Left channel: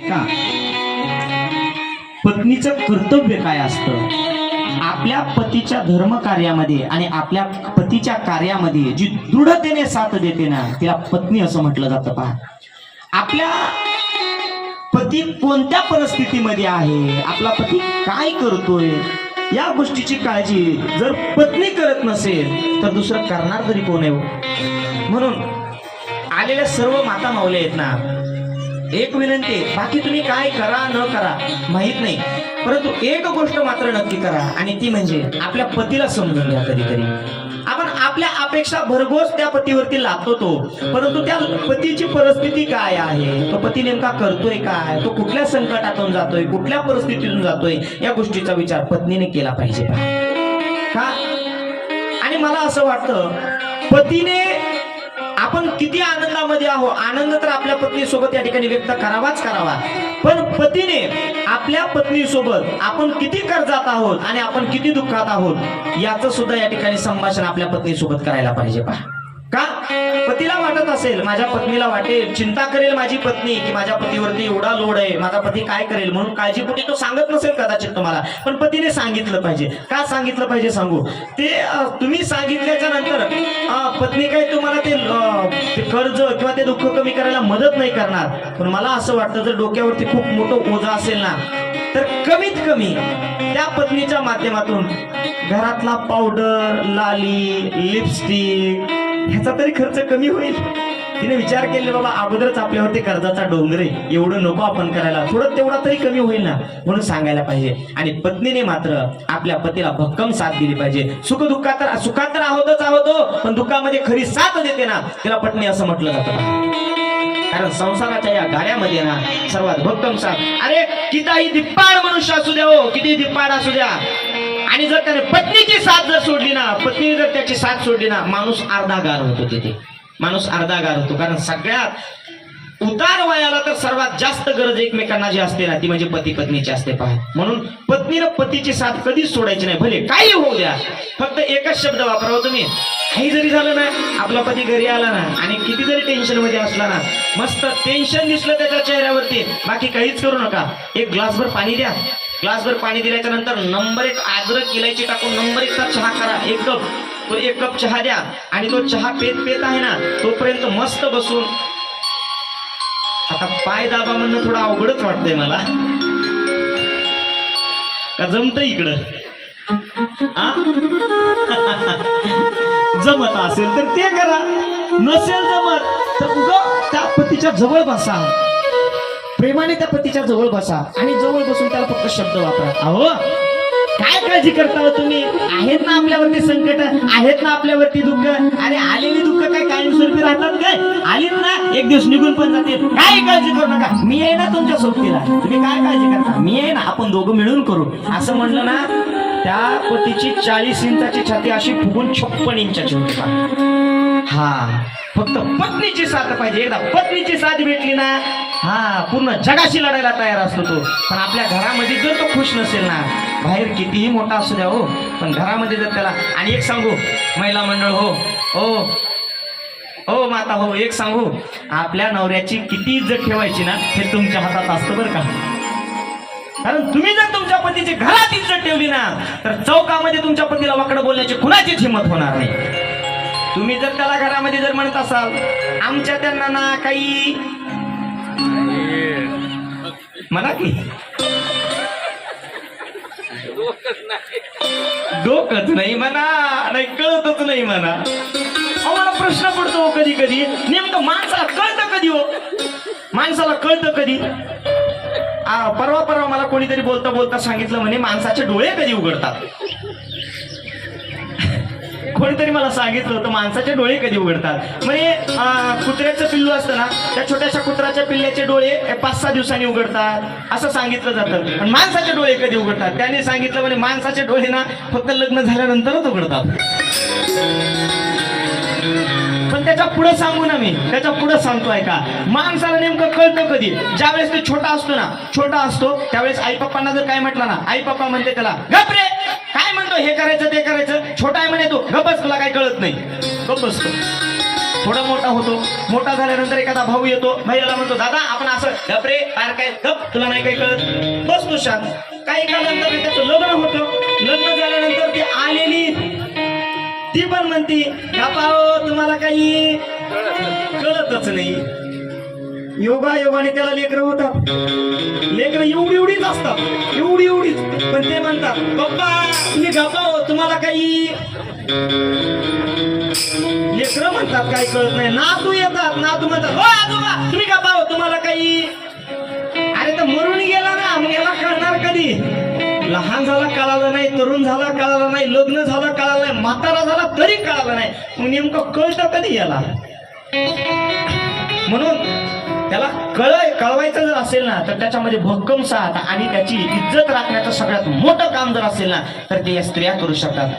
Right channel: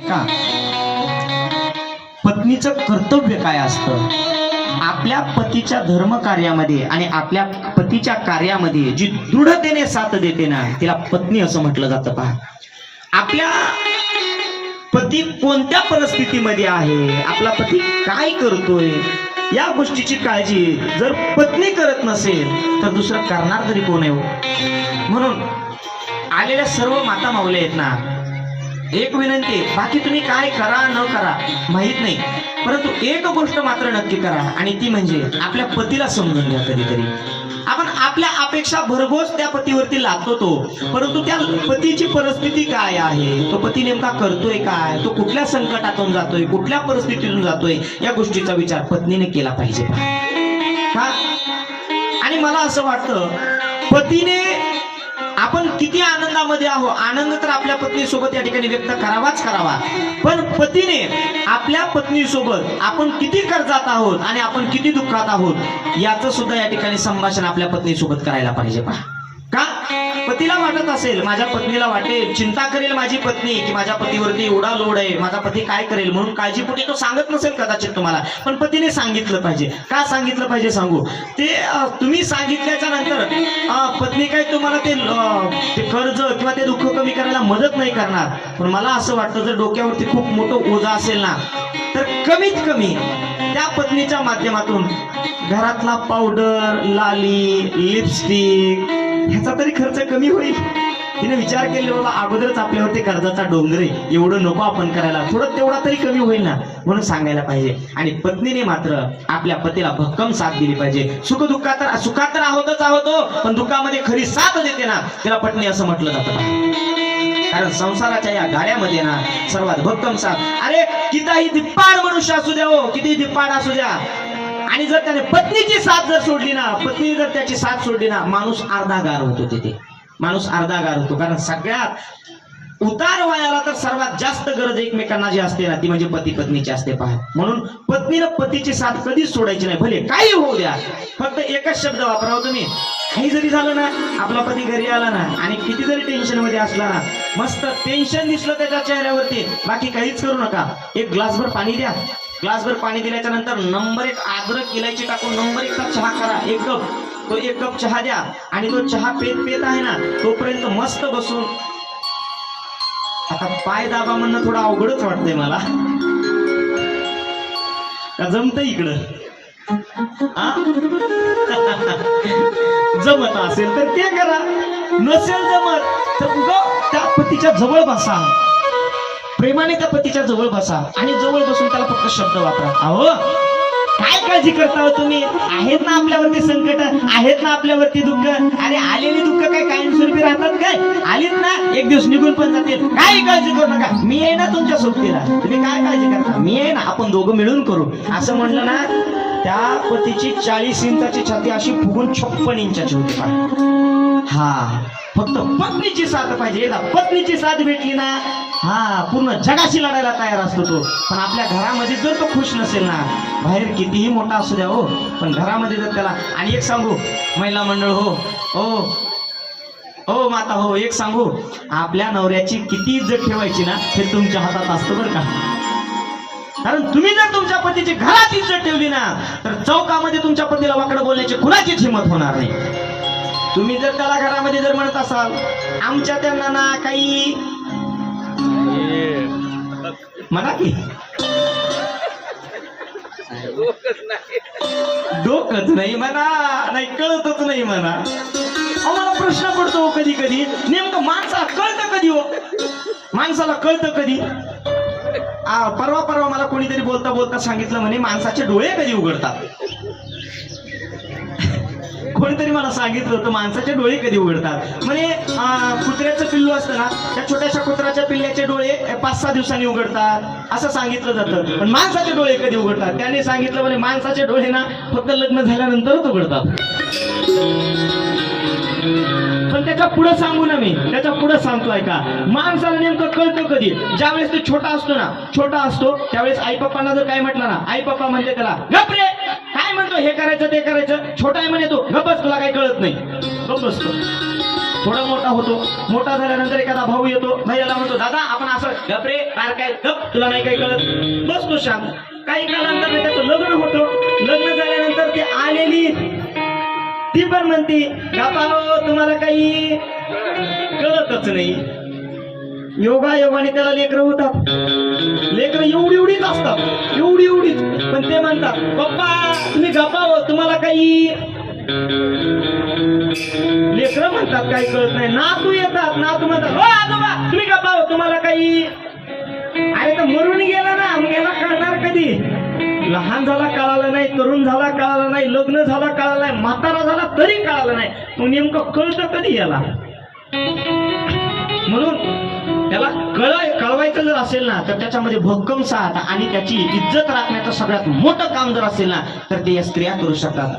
का पत्नीचं कर्तव्य काय असतं? आपल्या पतीच्या धर्म कार्यामध्ये आणि आपल्या पतीच्या कार्यामध्ये जी दृढतेने साथ देते ना, तिला पत्नी असं म्हटलं जातं. पहा, आपल्या पती कोणत्या परिस्थितीमध्ये आहे, आपला पती काय करतोय, या गोष्टीची काळजी जर पत्नी करत नसेल तर दुसरं करणार तरी कोण आहे? म्हणून आलेल्या सर्व माता माऊल्या आहेत ना, एक विनंती, बाकी तुम्ही काय करा न करा माहित नाही, परंतु एक गोष्ट मात्र नक्की करा, आणि ती म्हणजे आपल्या पतीला समजून घ्या. कधीतरी आपण आपल्या अपेक्षा भरघोस त्या पतीवरती लादतो, परंतु त्या पतीची परिस्थिती काय आहे, तो पती नेमका करतोय काय, तो कुठल्या संकटातून जातोय, कुठल्या परिस्थितीतून जातोय, या गोष्टीचा विचार पत्नीने केला पाहिजे. का? आणि मला असं वाटतं, पतीने आपण किती आनंदामध्ये आहोत, आनंद तर आपल्या पत्नीसोबत या ठिकाणी व्यक्त करावाच करावा, पण पतीने आपल्या पत्नीसोबत आपण किती कर्जात आहोत आणि आपण किती दुःखात आहोत याचं सुद्धा या ठिकाणी संभाषण आपल्या पत्नीसोबत करायला पाहिजे. पहा, का? पतीला वाटत असेल, माझ्या पत्नीला वाटेल, चिंता करेल माझी पत्नी की माझ्या पतीवरती एवढा लोड आहे, माझा पती काय करेल, म्हणून काळजीपोटी तो सांगत नसेल कदाचित तुम्हाला, पण पतीने सांगितलं पाहिजे. काय सांगितलं पाहिजे सांगू, ते तुम्ही सांगितल्याच्या नंतर पत्नी काय तुम्हाला ते कर्ज किंवा ते दुःख कमी करायला मदत नाही करणार, पण मला असं वाटतं जर डोक्यावरती खूप मोठं ओझं असेल ना, तर कमीत कमी त्या पत्नीच्या माध्यमातून घरातला पावडर, लाली, लिपस्टिक ह्याचा तरी खर्च कमी होईल. तिने विचार केले, बाबा अगोदरच आपल्यावरती कर्जाचा डोंगर आहे, एवढं नको आपण करायला, थोडं तेवढा तरी कमी होईल ना, म्हणून सांगायला पाहिजे. आणि पत्नीने मात्र आपल्या पतीला भक्कम साथ दिली पाहिजे. सुखात तर आहोतच आहोत, पण दुःखामध्ये खरी साथ देते ना, तिला पत्नी असं म्हटलं जातं. कारण संसाराच्या या गाड्यामध्ये ना सर्वात भक्कम साथ, अरे कितीही धिप्पाड मनुष्य असू द्या, हो किती धिप्पाड असू द्या, आणि जर त्याने पत्नीची साथ जर सोडली ना, पत्नी जर त्याची साथ सोडली ना, माणूस अर्धा गार होतो. तिथे माणूस अर्धा गार होतो. कारण सगळ्यात उतार वयाला तर सर्वात जास्त गरज एकमेकांना जी असते ना, ती म्हणजे पती पत्नीची असते. पहा, म्हणून पत्नीनं पतीची साथ कधीच सोडायची नाही, भले काही होऊ द्या. फक्त एकच शब्द वापरावा तुम्ही, काही जरी झालं ना, आपला पती घरी आला ना आणि किती जरी टेन्शन मध्ये असला ना, मस्त टेन्शन दिसलं त्याच्या चेहऱ्यावरती, बाकी काहीच करू नका, एक ग्लासभर पाणी द्या. ग्लासभर पाणी दिल्याच्या नंतर नंबर 1 अद्रक इलायची टाकून नंबर 1 चा चहा करा, 1 कप. तो 1 कप चहा द्या, आणि तो चहा पेत आहे ना, तोपर्यंत मस्त बसून, आता पाय दाबा म्हणणं थोडं अवघडच वाटतंय मला, का जमत इकडं? जमत असेल तर ते करा, नसेल जमत तर उगा त्या पतीच्या जवळ बसा, प्रेमाने त्या पतीच्या जवळ बसा, आणि जवळ बसून त्याला फक्त शब्द वापरा. अहो काय काळजी करता हो तुम्ही, आहेत ना आपल्यावरती संकट, आहेत ना आपल्यावरती दुःख, अरे आलेली दुःख काय कायमस्वरूपी राहतात काय, आलीत ना एक दिवस निघून पण जाते, काय काळजी करू नका, मी आहे ना तुमच्या सोबतीला, तुम्ही काय काळजी करता, मी आहे ना, आपण दोघं मिळून करू, असं म्हणलं ना, त्या पतीची 40 इंचाची छाती अशी फुगून 56 इंचाची होती. हा, फक्त पत्नीची साथ पाहिजे. एकदा पत्नीची साथ भेटली ना, हा पूर्ण जगाशी लढायला तयार असतो तो. पण आपल्या घरामध्ये जर तो खुश नसेल ना, बाहेर कितीही मोठा असू द्या हो, पण घरामध्ये जर त्याला, आणि एक सांगू महिला मंडळ हो माता हो, एक सांगू, आपल्या नवऱ्याची किती इज्जत ठेवायची ना, हे तुमच्या हातात असतं बरं का. कारण तुम्ही जर तुमच्या पतीची घरात इज्जत ठेवली ना, तर चौकामध्ये तुमच्या पतीला वाकडं बोलण्याची कुणाचीच हिंमत होणार नाही. तुम्ही जर त्याला घरामध्ये जर म्हणत असाल, आमच्या त्यांना ना काही म्हणा की डोकंच नाही म्हणा, नाही कळतच नाही म्हणा. आम्हाला प्रश्न पडतो कधी कधी, नेमकं माणसाला कळतं कधी हो, माणसाला कळतं कधी. परवा मला कोणीतरी बोलता सांगितलं म्हणे, माणसाचे डोळे कधी उघडतात. कोणीतरी मला सांगितलं होतं, माणसाचे डोळे कधी उघडतात म्हणे. कुत्र्याचं पिल्लू असतं ना, त्या छोट्याशा कुत्र्याच्या पिल्ल्याचे डोळे 5-6 दिवसांनी उघडतात असं सांगितलं जातं, पण माणसाचे डोळे कधी उघडतात? त्याने सांगितलं म्हणे, माणसाचे डोळे ना फक्त लग्न झाल्यानंतरच उघडतात. पण त्याच्या पुढे सांगू ना, मी त्याच्या पुढे सांगतोय का, माणसाला नेमकं कळतं कधी, ज्यावेळेस ते छोटा असतो त्यावेळेस आई पप्पांना जर काय म्हटलं ना, आई पप्पा म्हणते त्याला, गप रे, काय म्हणतो, हे करायचं ते करायचं, छोटा आहे म्हणे, तो गप्पच, तुला काही कळत नाही, गप बसतो. थोडा मोठा होतो. मोठा झाल्यानंतर एखादा भाऊ येतो, भैयाला म्हणतो दादा आपण असं गप रे बाहेर काय गप, तुला नाही काय कळत, बस तू शांत. काही कालानंतर त्याचं लग्न होतं. लग्न झाल्यानंतर ती आलेली ती पण म्हणते गप्पा तुम्हाला काही कळतच नाही. योगायोगाने त्याला लेकरं होतात. लेकरं एवढी एवढीच असतात, एवढी एवढीच, पण ते म्हणतात पप्पा तुम्ही गप्पा तुम्हाला काही. लेकरं म्हणतात काही कळत नाही. नातू येतात, नातू म्हणतात हो आजोबा तुम्ही गप्पा तुम्हाला काही. अरे तर मरून गेला ना, मग याला कळणार कधी. लहान झाला कळालं नाही, तरुण झाला कळालं नाही, लग्न झाला कळालं नाही, म्हातारा झाला तरी कळालं नाही, मग नेमकं कळतं कधी याला. म्हणून त्याला कळवायचं जर असेल ना तर त्याच्यामध्ये भक्कम साथ आणि त्याची इज्जत राखण्याचं सगळ्यात मोठं काम जर असेल ना तर ते या स्त्रिया करू शकतात.